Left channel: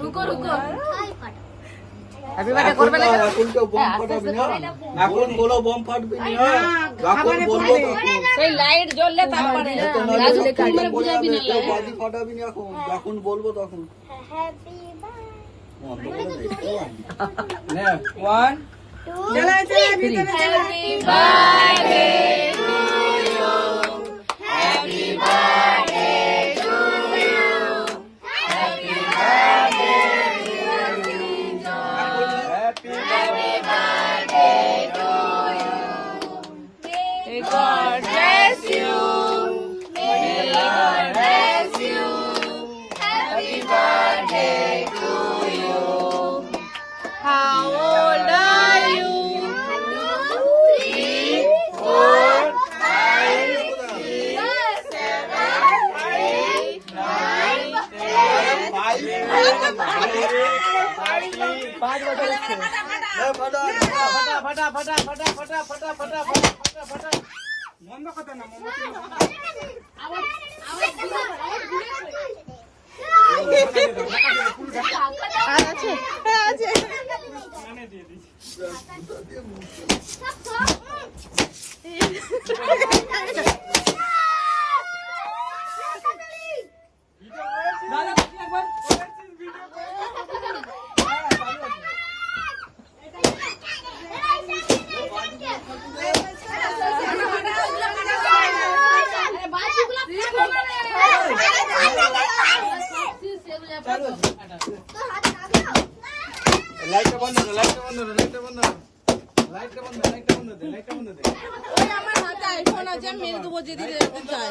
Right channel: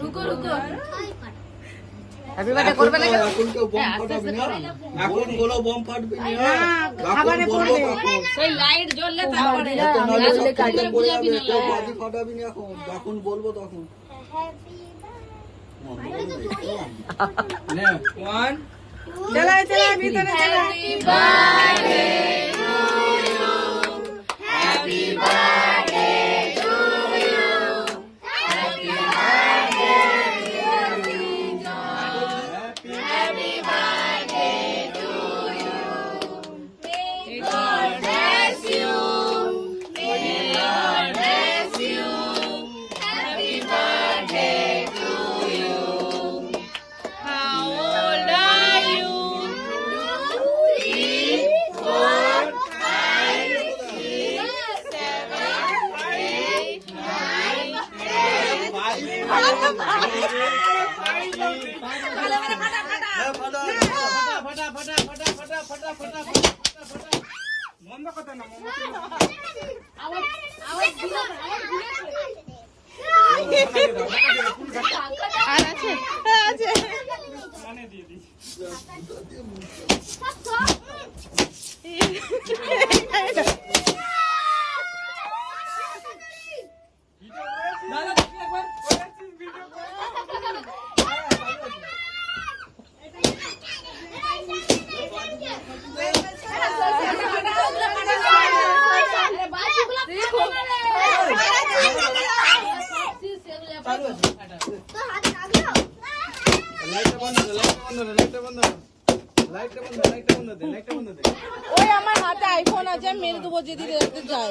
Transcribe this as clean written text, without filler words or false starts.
रुको रुको happy birthday করবে না এখন কেউ বোম ফাটাবি না, এখন বলো বোম ফাটবি না, যখন বলবো তখন। সেই লাইট জ্বললে তারপরে এত না জ্বললে কাজে পড়ে যাবে, কেউ বাজি ফাটাবি না এখন, যখন বলবো তখন। নে, 1 চলো চলো ভিতরে চলো আর আছে ওই আমার হাতে আইফোন আছে মেরে দেবো যেদিকে যেতে চাই